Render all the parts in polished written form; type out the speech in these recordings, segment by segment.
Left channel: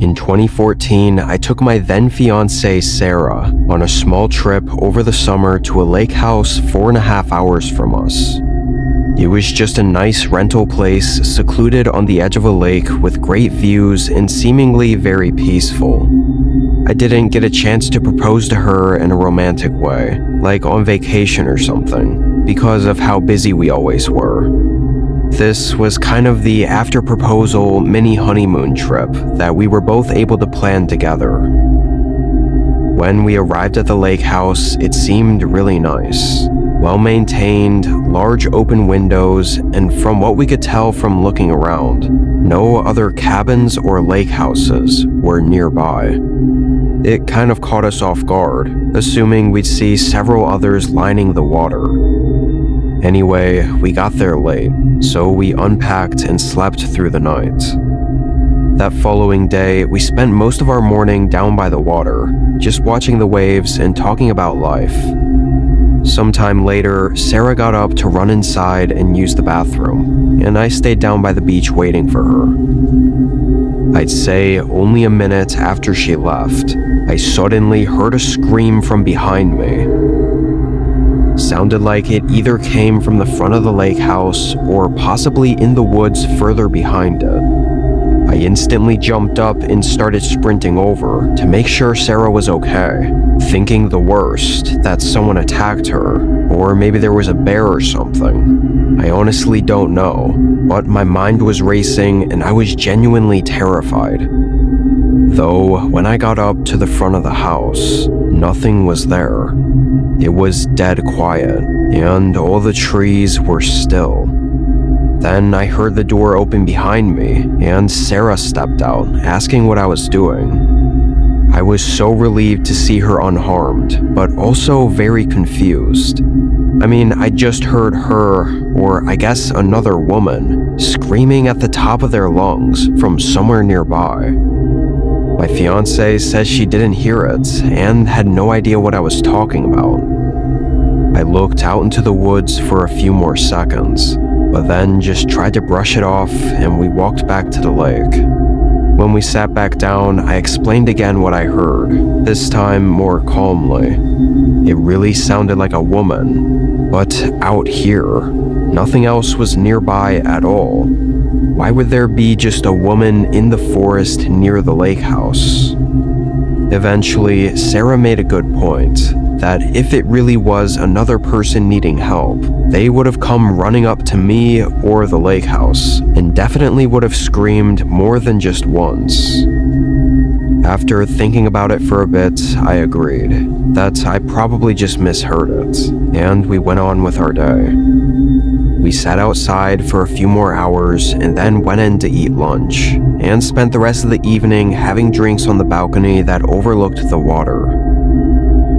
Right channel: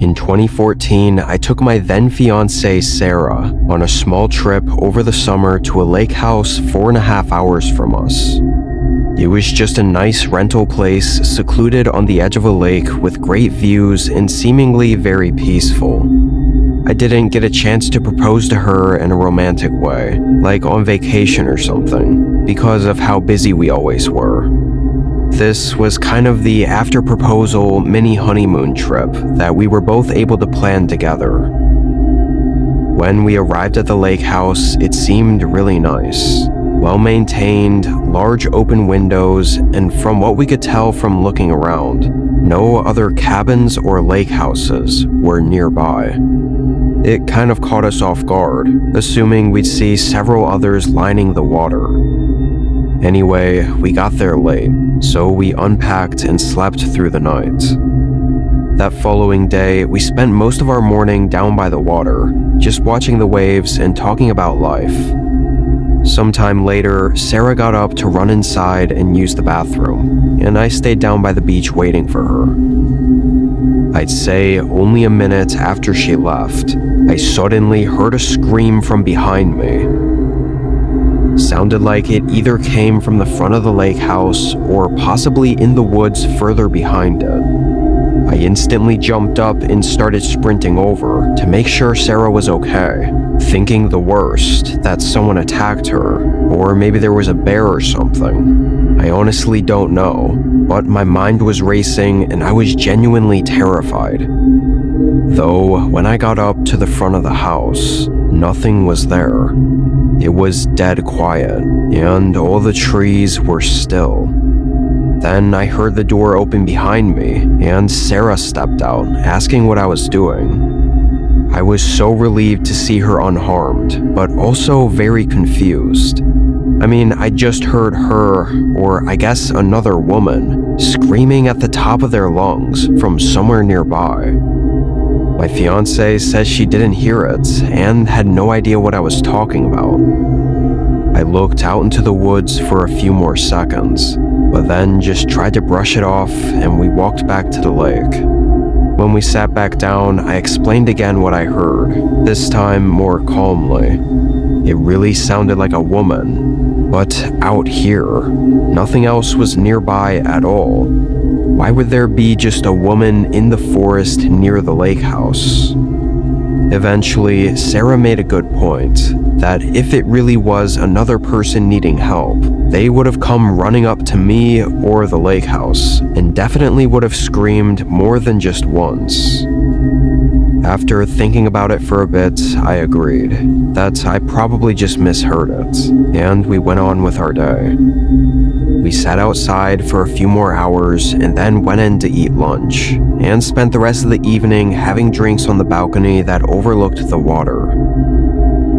In 2014, I took my then fiancée Sarah on a small trip over the summer to a lake house 4.5 hours from us. It was just a nice rental place secluded on the edge of a lake with great views and seemingly very peaceful. I didn't get a chance to propose to her in a romantic way, like on vacation or something, because of how busy we always were. This was kind of the after-proposal mini honeymoon trip that we were both able to plan together. When we arrived at the lake house, it seemed really nice. Well-maintained, large open windows, and from what we could tell from looking around, no other cabins or lake houses were nearby. It kind of caught us off guard, assuming we'd see several others lining the water. Anyway, we got there late, so we unpacked and slept through the night. That following day, we spent most of our morning down by the water, just watching the waves and talking about life. Sometime later, Sarah got up to run inside and use the bathroom, and I stayed down by the beach waiting for her. I'd say only a minute after she left, I suddenly heard a scream from behind me. Sounded like it either came from the front of the lake house or possibly in the woods further behind it. I instantly jumped up and started sprinting over to make sure Sarah was okay, thinking the worst, that someone attacked her, or maybe there was a bear or something. I honestly don't know, but my mind was racing and I was genuinely terrified. Though, when I got up to the front of the house, nothing was there. It was dead quiet, and all the trees were still. Then I heard the door open behind me, and Sarah stepped out, asking what I was doing. I was so relieved to see her unharmed, but also very confused. I mean, I just heard her, or I guess another woman, screaming at the top of their lungs from somewhere nearby. My fiancée says she didn't hear it and had no idea what I was talking about. I looked out into the woods for a few more seconds, but then just tried to brush it off and we walked back to the lake. When we sat back down, I explained again what I heard, this time more calmly. It really sounded like a woman, but out here. Nothing else was nearby at all. Why would there be just a woman in the forest near the lake house? Eventually, Sarah made a good point, that if it really was another person needing help, they would have come running up to me or the lake house, and definitely would have screamed more than just once. After thinking about it for a bit, I agreed that I probably just misheard it, and we went on with our day. We sat outside for a few more hours and then went in to eat lunch, and spent the rest of the evening having drinks on the balcony that overlooked the water.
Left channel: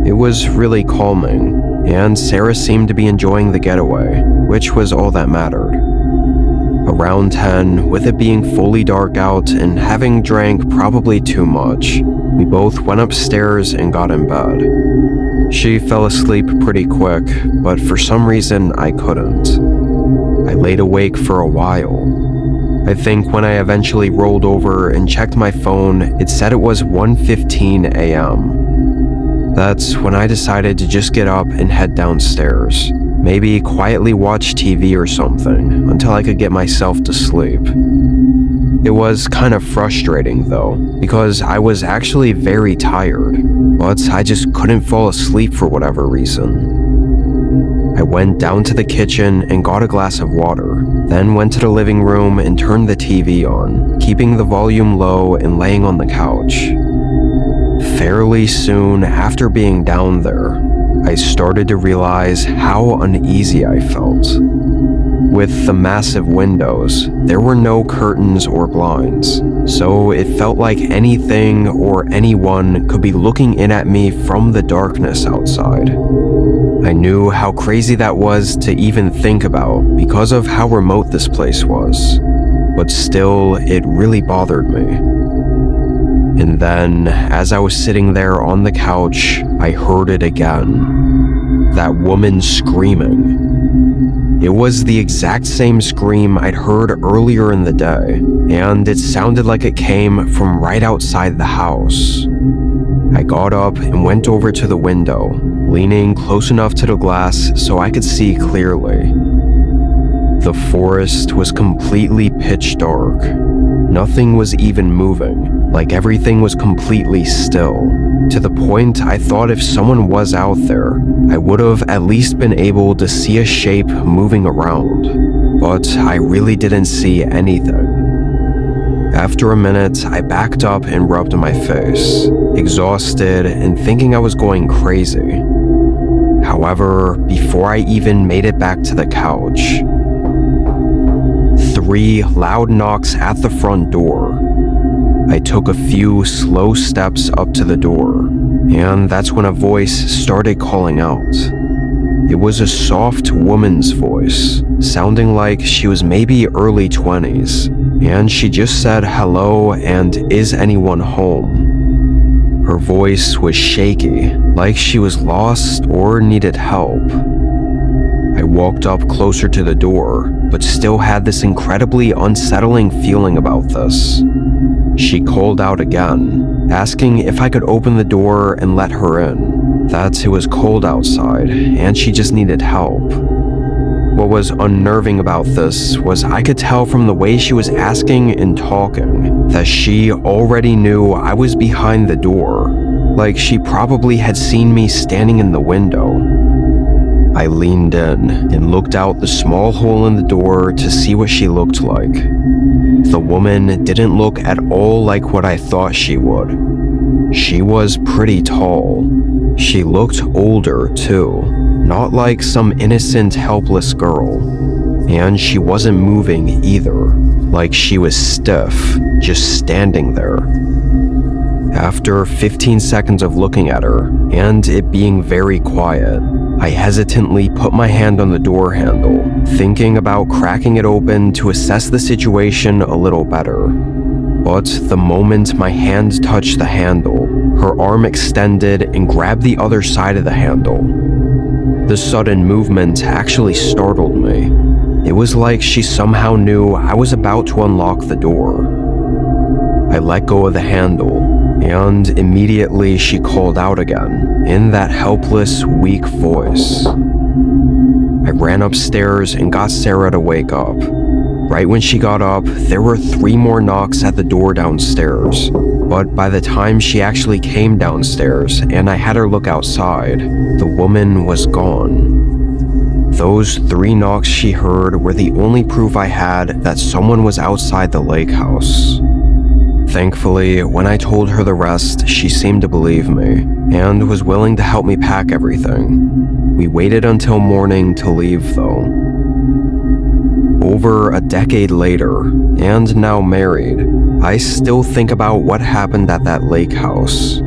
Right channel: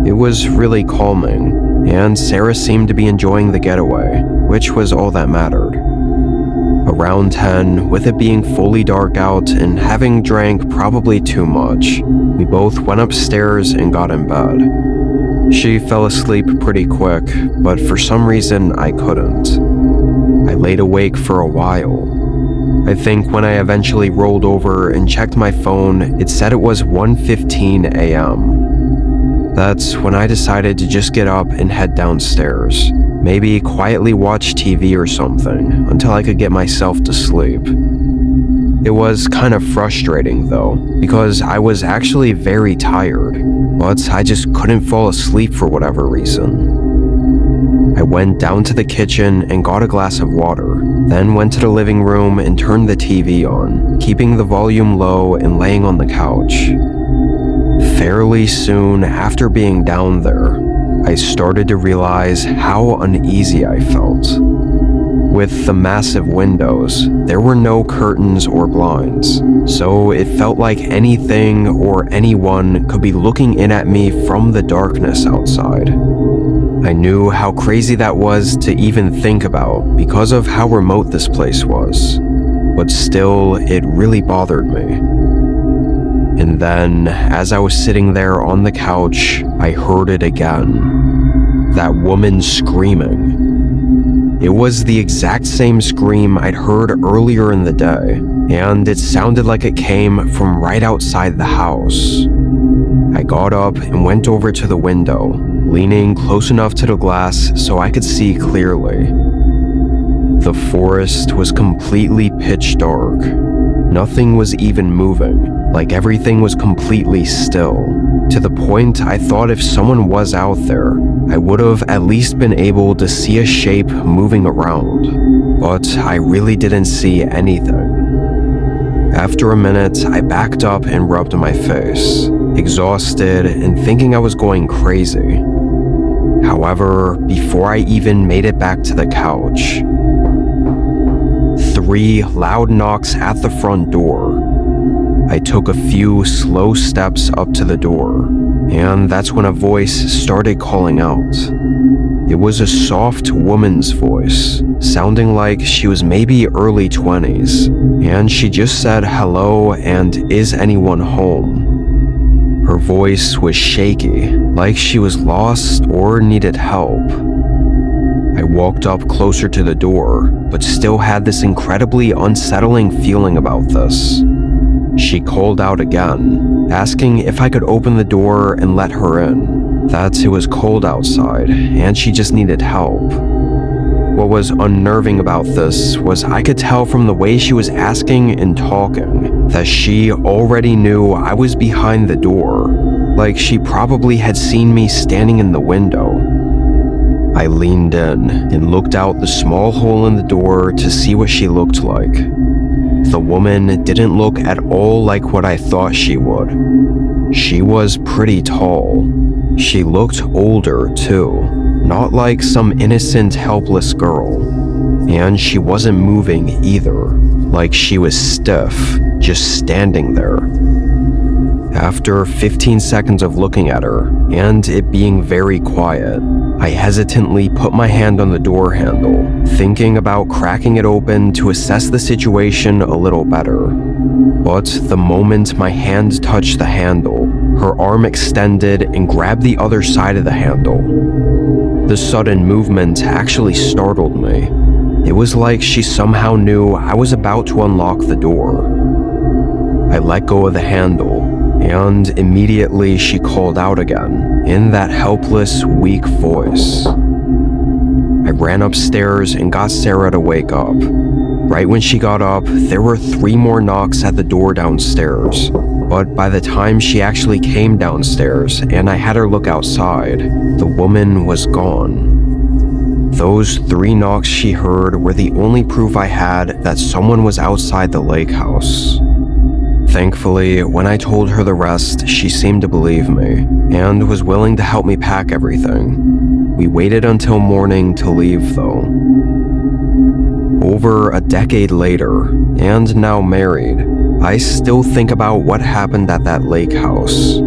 It was really calming, and Sarah seemed to be enjoying the getaway, which was all that mattered. Around 10, with it being fully dark out and having drank probably too much, we both went upstairs and got in bed. She fell asleep pretty quick, but for some reason I couldn't. I laid awake for a while. I think when I eventually rolled over and checked my phone, it said it was 1:15 a.m. That's when I decided to just get up and head downstairs. Maybe quietly watch TV or something until I could get myself to sleep. It was kind of frustrating though, because I was actually very tired, but I just couldn't fall asleep for whatever reason. I went down to the kitchen and got a glass of water, then went to the living room and turned the TV on, keeping the volume low and laying on the couch. Fairly soon after being down there, I started to realize how uneasy I felt. With the massive windows, there were no curtains or blinds, so it felt like anything or anyone could be looking in at me from the darkness outside. I knew how crazy that was to even think about because of how remote this place was, but still, it really bothered me. And then, as I was sitting there on the couch, I heard it again. That woman screaming. It was the exact same scream I'd heard earlier in the day, and it sounded like it came from right outside the house. I got up and went over to the window, leaning close enough to the glass so I could see clearly. The forest was completely pitch dark. Nothing was even moving, like everything was completely still, to the point I thought if someone was out there, I would have at least been able to see a shape moving around, but I really didn't see anything. After a minute, I backed up and rubbed my face, exhausted and thinking I was going crazy. However, before I even made it back to the couch, 3 loud knocks at the front door. I took a few slow steps up to the door, and that's when a voice started calling out. It was a soft woman's voice, sounding like she was maybe early 20s, and she just said hello and is anyone home. Her voice was shaky, like she was lost or needed help. I walked up closer to the door, but still had this incredibly unsettling feeling about this. She called out again, asking if I could open the door and let her in, that it was cold outside and she just needed help. What was unnerving about this was I could tell from the way she was asking and talking that she already knew I was behind the door, like she probably had seen me standing in the window. I leaned in and looked out the small hole in the door to see what she looked like. The woman didn't look at all like what I thought she would. She was pretty tall. She looked older, too, not like some innocent, helpless girl. And she wasn't moving either, like she was stiff, just standing there. After 15 seconds of looking at her, and it being very quiet, I hesitantly put my hand on the door handle, thinking about cracking it open to assess the situation a little better. But the moment my hand touched the handle, her arm extended and grabbed the other side of the handle. The sudden movement actually startled me. It was like she somehow knew I was about to unlock the door. I let go of the handle, and immediately she called out again, in that helpless, weak voice. I ran upstairs and got Sarah to wake up. Right when she got up, there were 3 more knocks at the door downstairs, but by the time she actually came downstairs and I had her look outside, the woman was gone. Those 3 knocks she heard were the only proof I had that someone was outside the lake house. Thankfully, when I told her the rest, she seemed to believe me, and was willing to help me pack everything. We waited until morning to leave, though. Over a decade later, and now married, I still think about what happened at that lake house.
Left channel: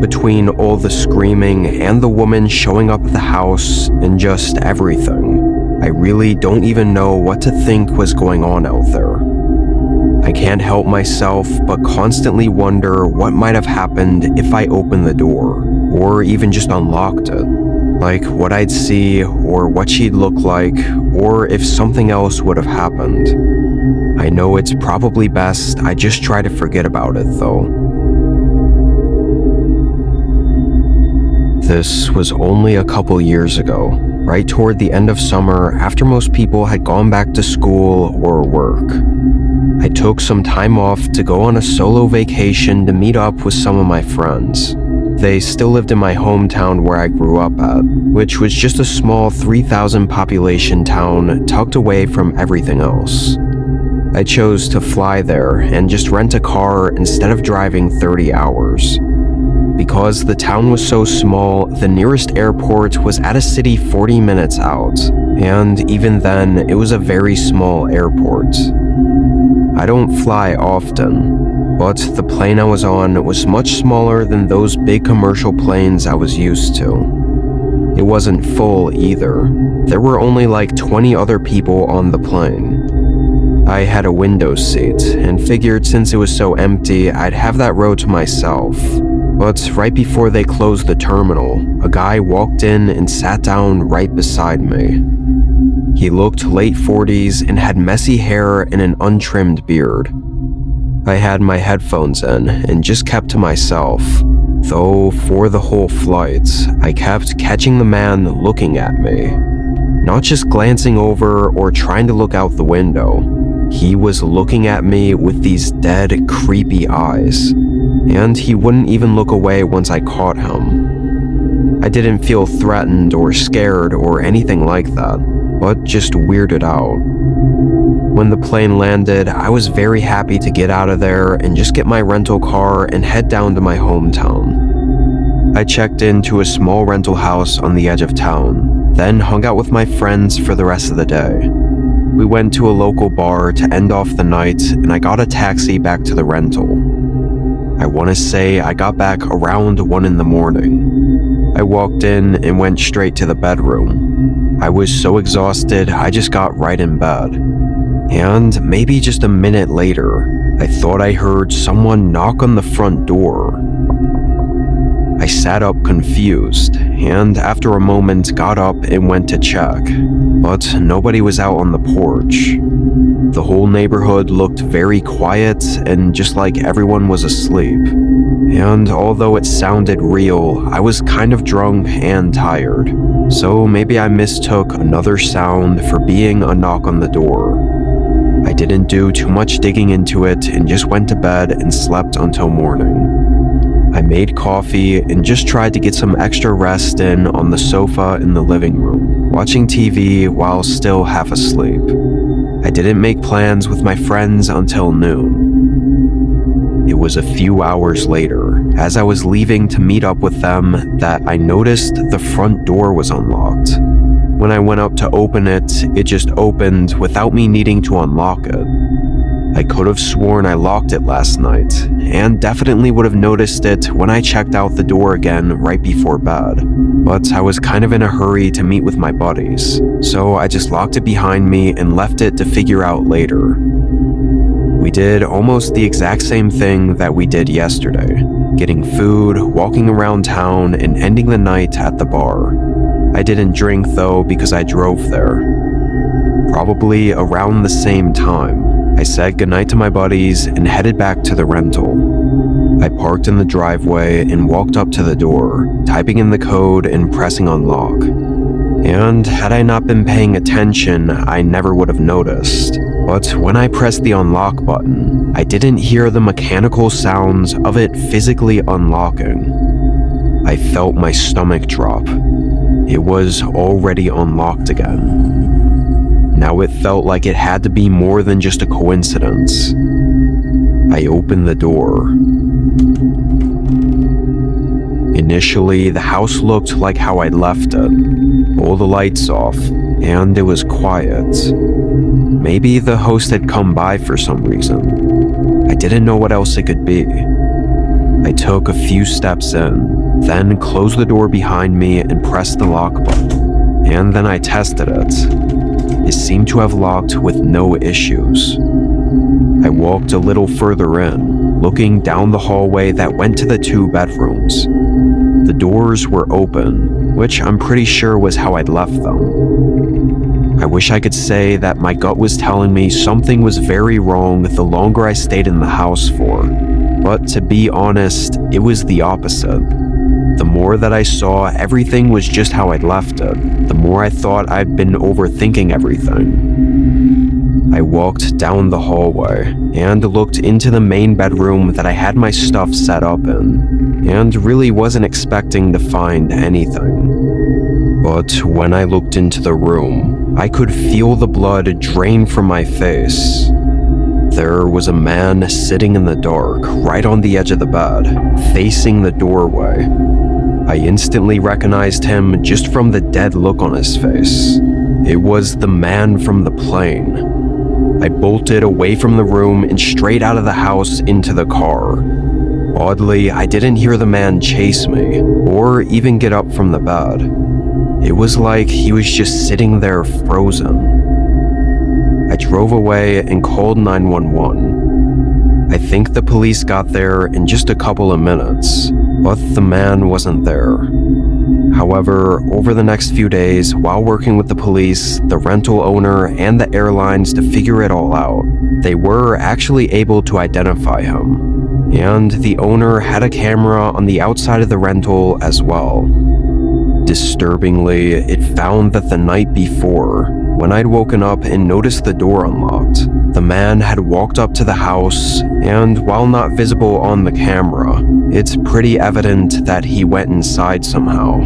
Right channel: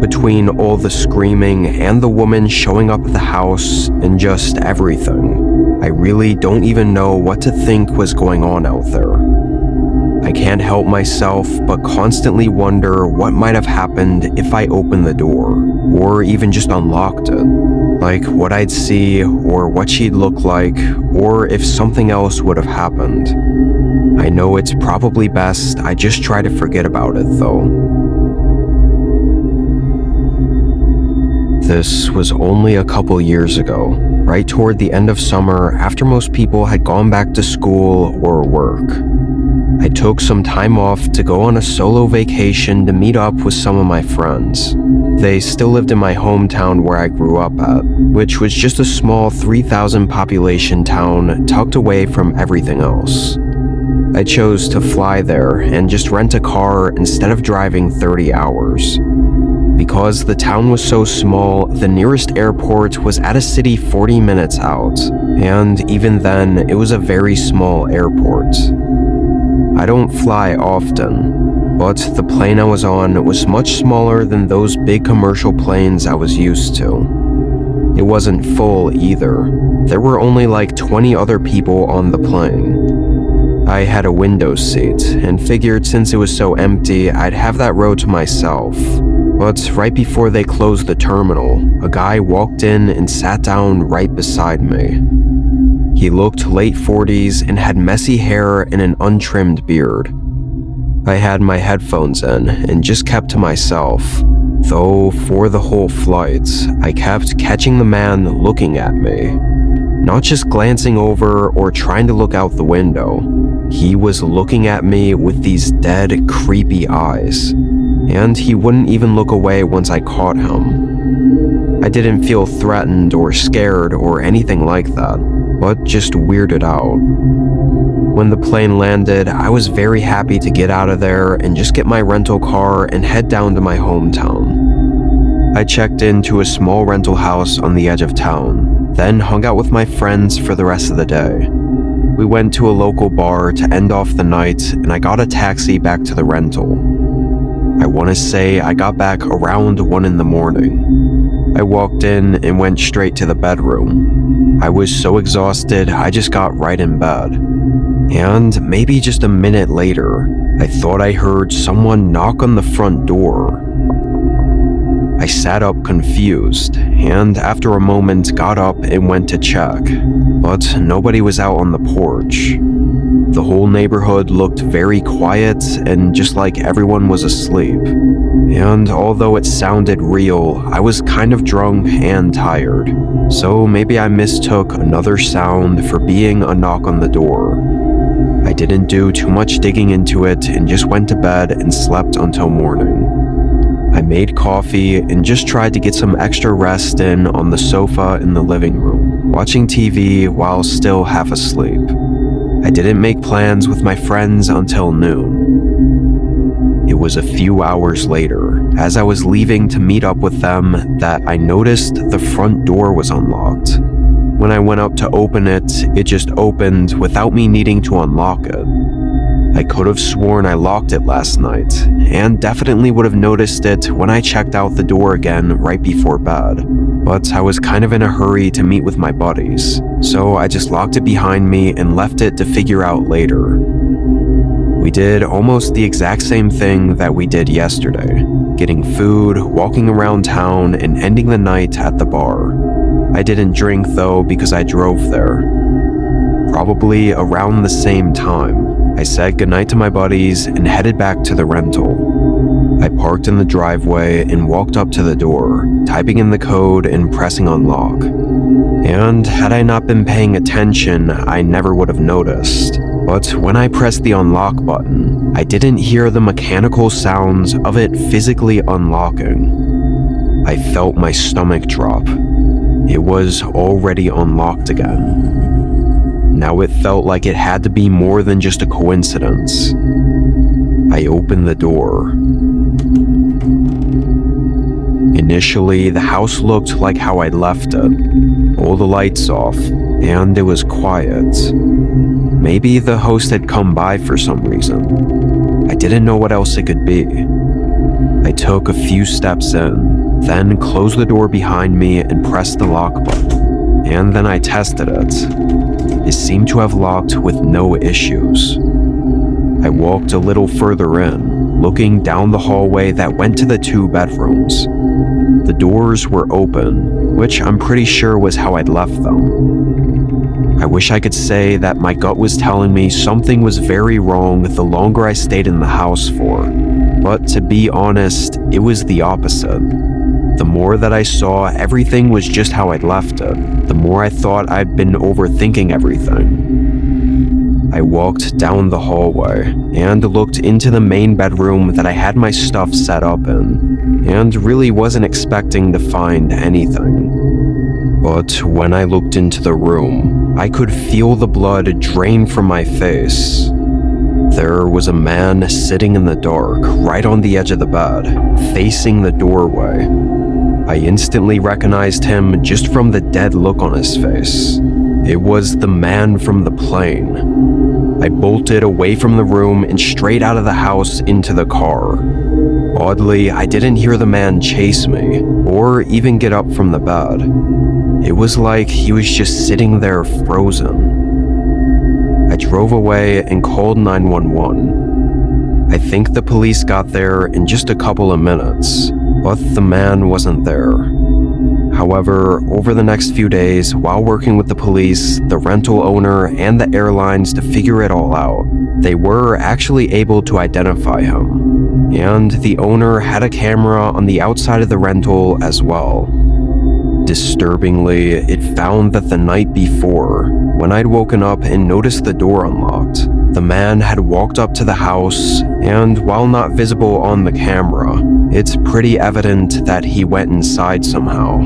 Between all the screaming and the woman showing up at the house and just everything, I really don't even know what to think was going on out there. I can't help myself but constantly wonder what might have happened if I opened the door, or even just unlocked it. Like what I'd see, or what she'd look like, or if something else would have happened. I know it's probably best I just try to forget about it, though. This was only a couple years ago, right toward the end of summer after most people had gone back to school or work. I took some time off to go on a solo vacation to meet up with some of my friends. They still lived in my hometown where I grew up at, which was just a small 3,000 population town tucked away from everything else. I chose to fly there and just rent a car instead of driving 30 hours. Because the town was so small, the nearest airport was at a city 40 minutes out, and even then, it was a very small airport. I don't fly often, but the plane I was on was much smaller than those big commercial planes I was used to. It wasn't full either. There were only like 20 other people on the plane. I had a window seat and figured since it was so empty, I'd have that row to myself. But right before they closed the terminal, a guy walked in and sat down right beside me. He looked late 40s and had messy hair and an untrimmed beard. I had my headphones in and just kept to myself, though for the whole flight, I kept catching the man looking at me. Not just glancing over or trying to look out the window. He was looking at me with these dead, creepy eyes, and he wouldn't even look away once I caught him. I didn't feel threatened or scared or anything like that, but just weirded out. When the plane landed, I was very happy to get out of there and just get my rental car and head down to my hometown. I checked into a small rental house on the edge of town, then hung out with my friends for the rest of the day. We went to a local bar to end off the night, and I got a taxi back to the rental. I want to say I got back around 1 in the morning. I walked in and went straight to the bedroom. I was so exhausted, I just got right in bed. And maybe just a minute later, I thought I heard someone knock on the front door. I sat up confused, and after a moment got up and went to check, but nobody was out on the porch. The whole neighborhood looked very quiet and just like everyone was asleep. And although it sounded real, I was kind of drunk and tired, so maybe I mistook another sound for being a knock on the door. I didn't do too much digging into it and just went to bed and slept until morning. I made coffee and just tried to get some extra rest in on the sofa in the living room, watching TV while still half asleep. I didn't make plans with my friends until noon. It was a few hours later, as I was leaving to meet up with them, that I noticed the front door was unlocked. When I went up to open it, it just opened without me needing to unlock it. I could have sworn I locked it last night, and definitely would have noticed it when I checked out the door again right before bed, but I was kind of in a hurry to meet with my buddies, so I just locked it behind me and left it to figure out later. We did almost the exact same thing that we did yesterday, getting food, walking around town, and ending the night at the bar. I didn't drink though because I drove there. Probably around the same time, I said goodnight to my buddies and headed back to the rental. I parked in the driveway and walked up to the door, typing in the code and pressing unlock. And had I not been paying attention, I never would have noticed. But when I pressed the unlock button, I didn't hear the mechanical sounds of it physically unlocking. I felt my stomach drop. It was already unlocked again. Now it felt like it had to be more than just a coincidence. I opened the door. Initially, the house looked like how I'd left it. All the lights off, and it was quiet. Maybe the host had come by for some reason. I didn't know what else it could be. I took a few steps in, then closed the door behind me and pressed the lock button. And then I tested it. It seemed to have locked with no issues. I walked a little further in, looking down the hallway that went to the 2 bedrooms. The doors were open, which I'm pretty sure was how I'd left them. I wish I could say that my gut was telling me something was very wrong the longer I stayed in the house for, but to be honest, it was the opposite. The more that I saw everything was just how I'd left it, the more I thought I'd been overthinking everything. I walked down the hallway and looked into the main bedroom that I had my stuff set up in, and really wasn't expecting to find anything. But when I looked into the room, I could feel the blood drain from my face. There was a man sitting in the dark, right on the edge of the bed, facing the doorway. I instantly recognized him just from the dead look on his face. It was the man from the plane. I bolted away from the room and straight out of the house into the car. Oddly, I didn't hear the man chase me, or even get up from the bed. It was like he was just sitting there frozen. I drove away and called 911. I think the police got there in just a couple of minutes, but the man wasn't there. However, over the next few days, while working with the police, the rental owner, and the airlines to figure it all out, they were actually able to identify him. And the owner had a camera on the outside of the rental as well. Disturbingly, it found that the night before, when I'd woken up and noticed the door unlocked, the man had walked up to the house, and while not visible on the camera, it's pretty evident that he went inside somehow.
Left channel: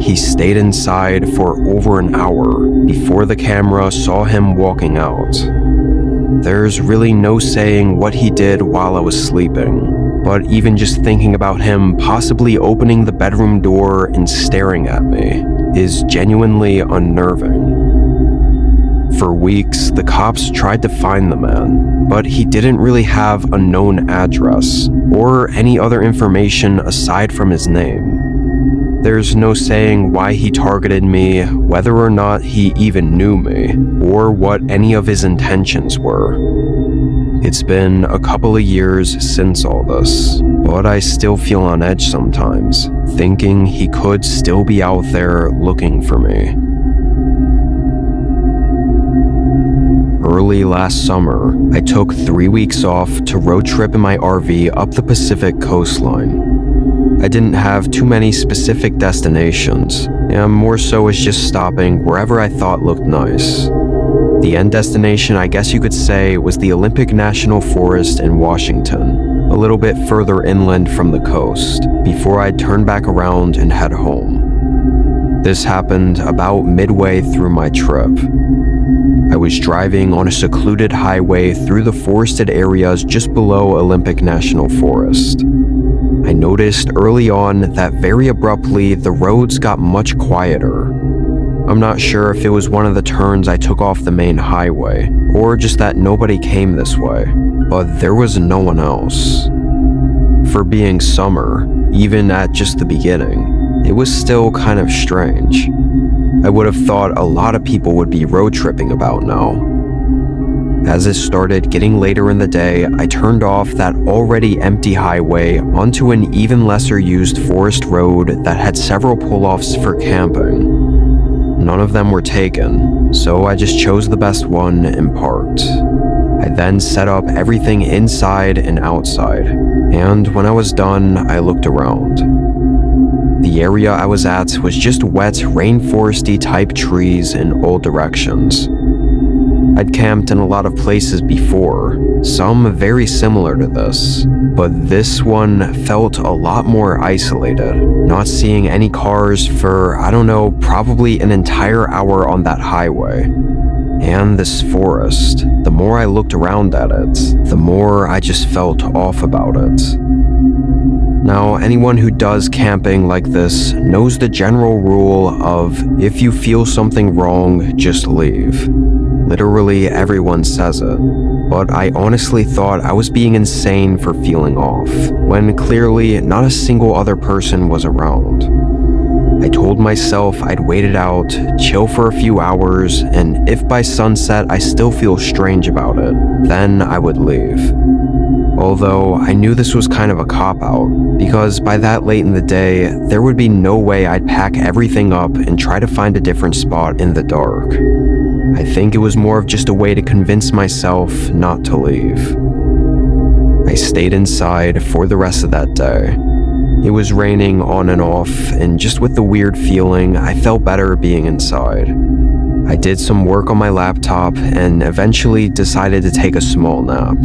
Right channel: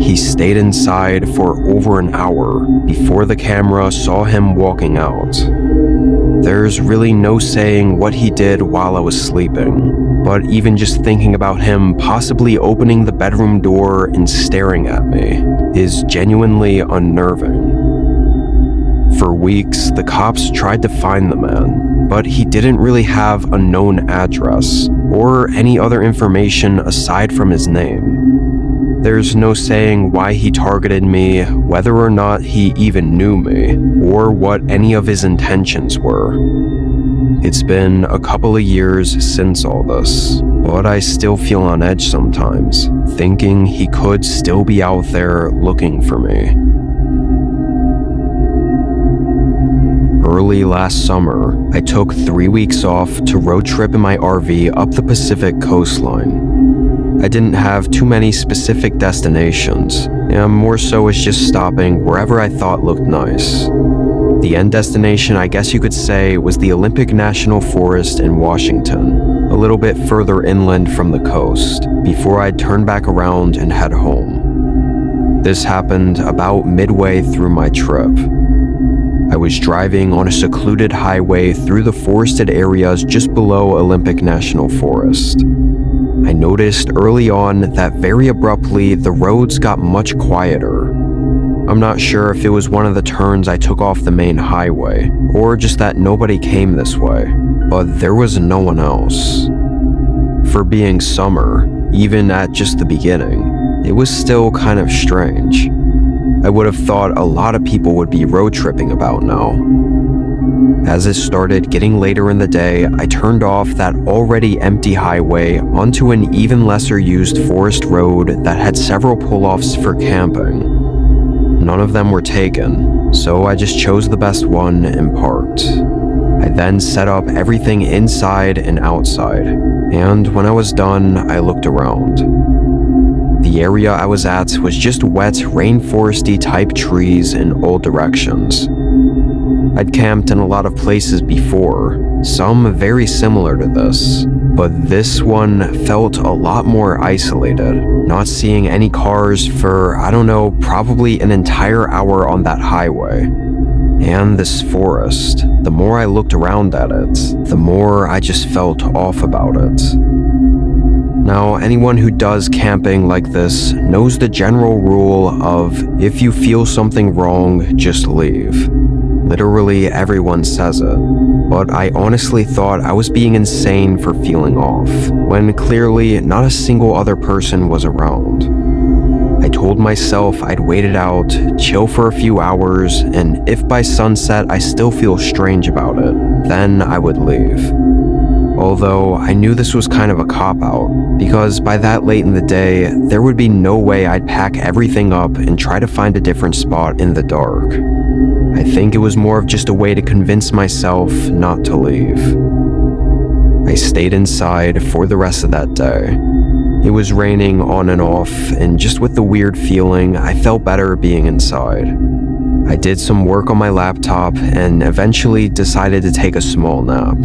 He stayed inside for over an hour before the camera saw him walking out. There's really no saying what he did while I was sleeping, but even just thinking about him possibly opening the bedroom door and staring at me is genuinely unnerving. For weeks, the cops tried to find the man, but he didn't really have a known address or any other information aside from his name. There's no saying why he targeted me, whether or not he even knew me, or what any of his intentions were. It's been a couple of years since all this, but I still feel on edge sometimes, thinking he could still be out there looking for me. Early last summer, I took 3 weeks off to road trip in my RV up the Pacific coastline. I didn't have too many specific destinations, and more so was just stopping wherever I thought looked nice. The end destination, I guess you could say, was the Olympic National Forest in Washington, a little bit further inland from the coast, before I'd turn back around and head home. This happened about midway through my trip. I was driving on a secluded highway through the forested areas just below Olympic National Forest. I noticed early on that very abruptly the roads got much quieter. I'm not sure if it was one of the turns I took off the main highway, or just that nobody came this way, but there was no one else. For being summer, even at just the beginning, it was still kind of strange. I would have thought a lot of people would be road tripping about now. As it started getting later in the day, I turned off that already empty highway onto an even lesser used forest road that had several pull-offs for camping. None of them were taken, so I just chose the best one and parked. I then set up everything inside and outside, and when I was done, I looked around. The area I was at was just wet, rainforesty type trees in all directions. I'd camped in a lot of places before, some very similar to this, but this one felt a lot more isolated, not seeing any cars for, I don't know, probably an entire hour on that highway. And this forest, the more I looked around at it, the more I just felt off about it. Now, anyone who does camping like this knows the general rule of if you feel something wrong, just leave. Literally everyone says it, but I honestly thought I was being insane for feeling off, when clearly not a single other person was around. I told myself I'd wait it out, chill for a few hours, and if by sunset I still feel strange about it, then I would leave. Although I knew this was kind of a cop-out, because by that late in the day, there would be no way I'd pack everything up and try to find a different spot in the dark. I think it was more of just a way to convince myself not to leave. I stayed inside for the rest of that day. It was raining on and off, and just with the weird feeling, I felt better being inside. I did some work on my laptop and eventually decided to take a small nap.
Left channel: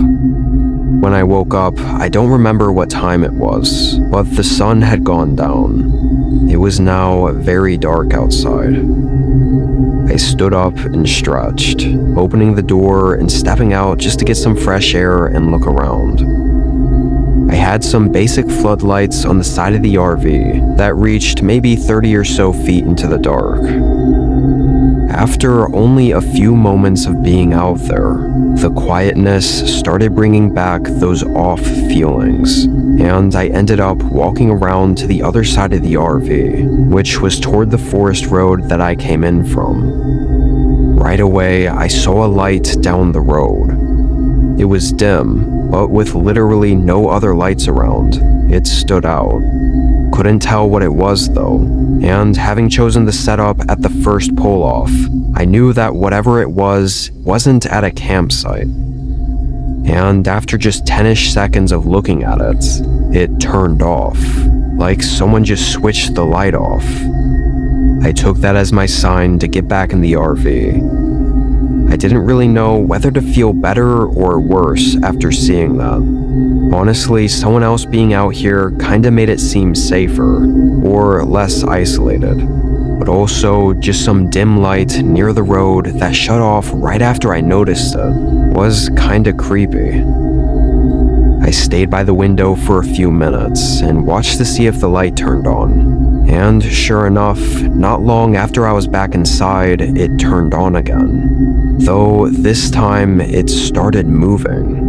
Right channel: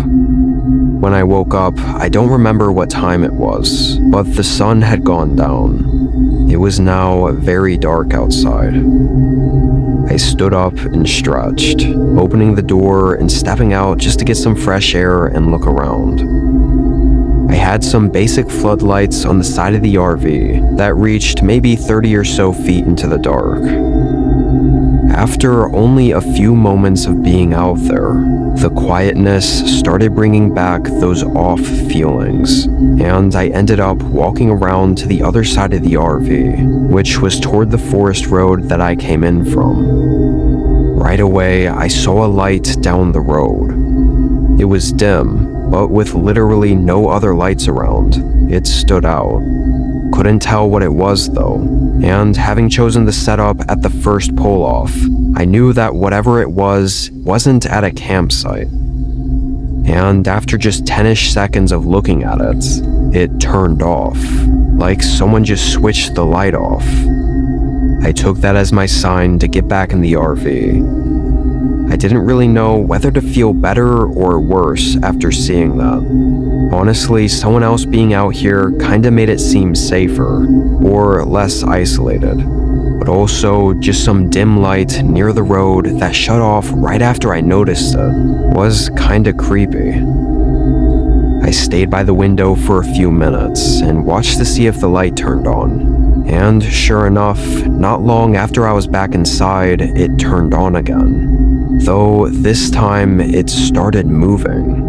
When I woke up, I don't remember what time it was, but the sun had gone down. It was now very dark outside. I stood up and stretched, opening the door and stepping out just to get some fresh air and look around. I had some basic floodlights on the side of the RV that reached maybe 30 or so feet into the dark. After only a few moments of being out there, the quietness started bringing back those off feelings, and I ended up walking around to the other side of the RV, which was toward the forest road that I came in from. Right away, I saw a light down the road. It was dim, but with literally no other lights around, it stood out. Couldn't tell what it was though, and having chosen the setup at the first pull-off, I knew that whatever it wasn't at a campsite. And after just 10-ish seconds of looking at it, it turned off, like someone just switched the light off. I took that as my sign to get back in the RV. I didn't really know whether to feel better or worse after seeing that. Honestly, someone else being out here kinda made it seem safer, or less isolated. But also, just some dim light near the road that shut off right after I noticed it was kinda creepy. I stayed by the window for a few minutes and watched to see if the light turned on. And sure enough, not long after I was back inside, it turned on again. Though this time, it started moving.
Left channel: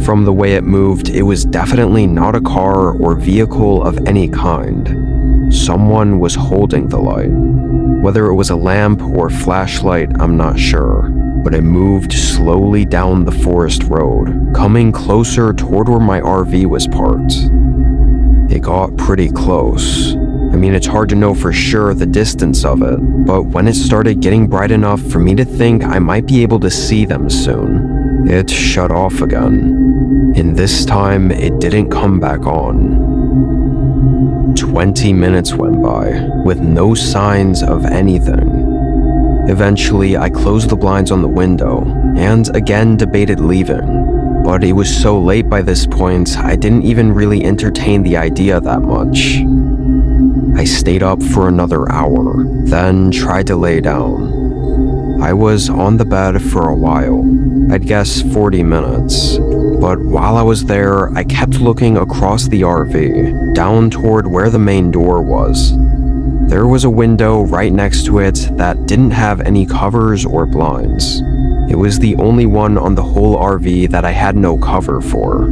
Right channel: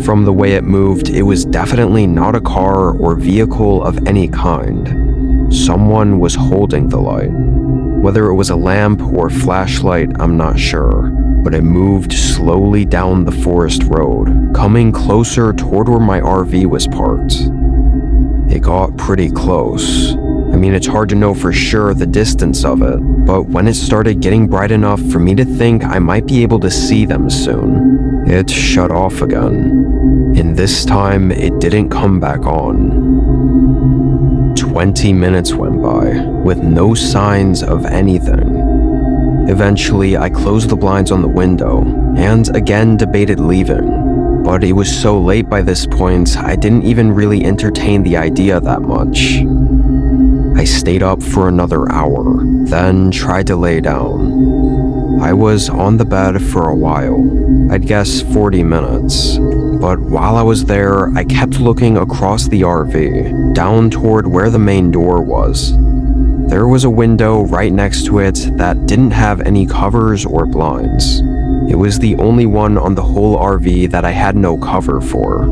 From the way it moved, it was definitely not a car or vehicle of any kind. Someone was holding the light. Whether it was a lamp or flashlight, I'm not sure, but it moved slowly down the forest road, coming closer toward where my RV was parked. It got pretty close. I mean, it's hard to know for sure the distance of it, but when it started getting bright enough for me to think I might be able to see them soon, it shut off again. And this time, it didn't come back on. 20 minutes went by, with no signs of anything. Eventually, I closed the blinds on the window, and again debated leaving. But it was so late by this point, I didn't even really entertain the idea that much. I stayed up for another hour, then tried to lay down. I was on the bed for a while, I'd guess 40 minutes. But while I was there, I kept looking across the RV, down toward where the main door was. There was a window right next to it that didn't have any covers or blinds. It was the only one on the whole RV that I had no cover for.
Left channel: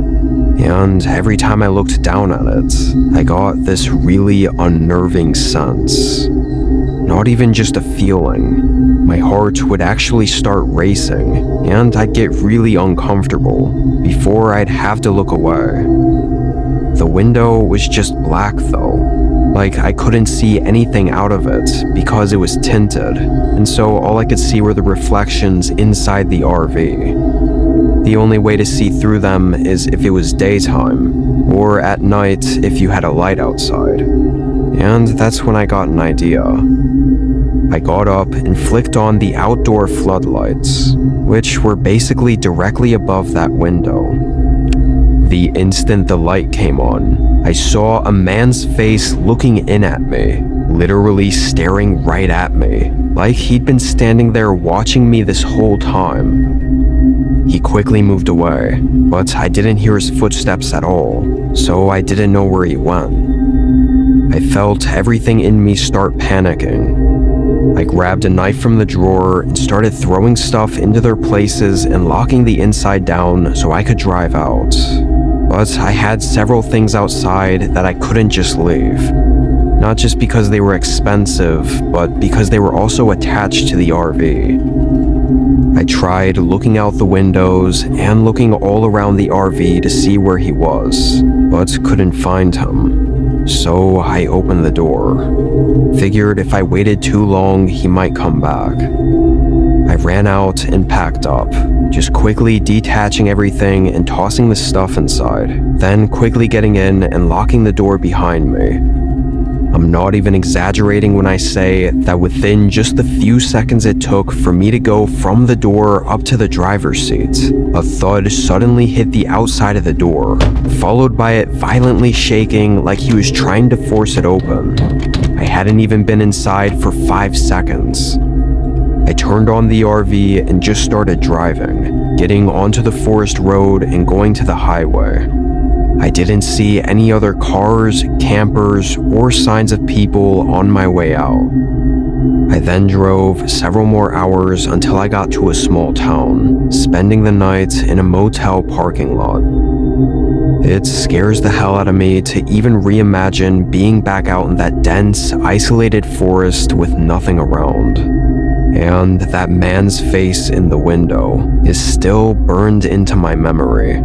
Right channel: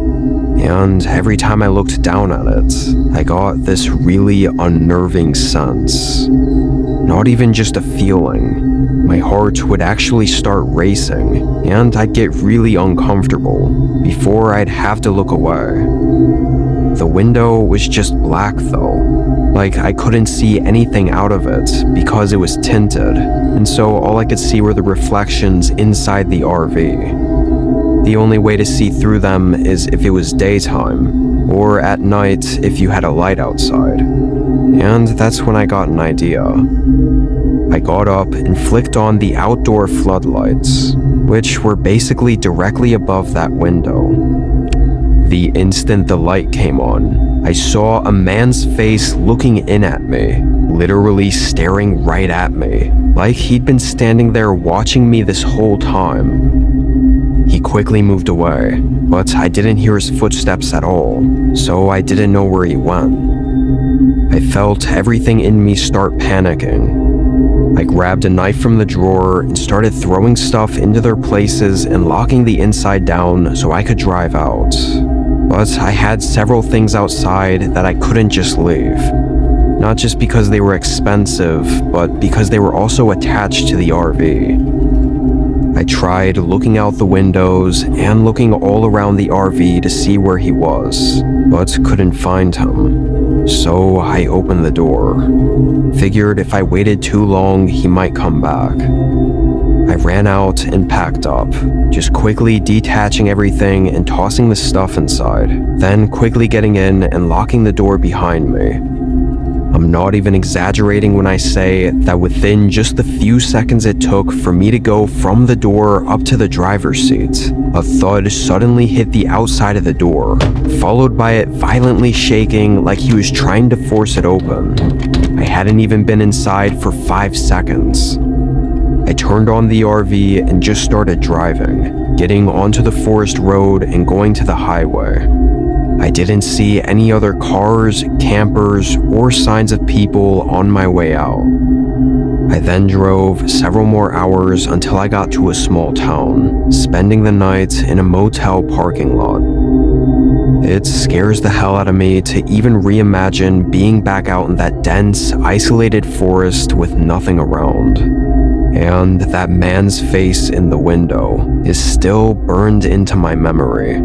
And every time I looked down at it, I got this really unnerving sense. Not even just a feeling. My heart would actually start racing, and I'd get really uncomfortable before I'd have to look away. The window was just black though, like I couldn't see anything out of it because it was tinted, and so all I could see were the reflections inside the RV. The only way to see through them is if it was daytime, or at night if you had a light outside. And that's when I got an idea. I got up and flicked on the outdoor floodlights, which were basically directly above that window. The instant the light came on, I saw a man's face looking in at me, literally staring right at me, like he'd been standing there watching me this whole time. He quickly moved away, but I didn't hear his footsteps at all, so I didn't know where he went. I felt everything in me start panicking. I grabbed a knife from the drawer and started throwing stuff into their places and locking the inside down so I could drive out. But I had several things outside that I couldn't just leave. Not just because they were expensive, but because they were also attached to the RV. I tried looking out the windows and looking all around the RV to see where he was, but couldn't find him. So I opened the door. Figured if I waited too long, he might come back. I ran out and packed up, just quickly detaching everything and tossing the stuff inside, then quickly getting in and locking the door behind me. I'm not even exaggerating when I say that within just the few seconds it took for me to go from the door up to the driver's seat, a thud suddenly hit the outside of the door, followed by it violently shaking like he was trying to force it open. I hadn't even been inside for 5 seconds. I turned on the RV and just started driving, getting onto the forest road and going to the highway. I didn't see any other cars, campers, or signs of people on my way out. I then drove several more hours until I got to a small town, spending the night in a motel parking lot. It scares the hell out of me to even reimagine being back out in that dense, isolated forest with nothing around. And that man's face in the window is still burned into my memory.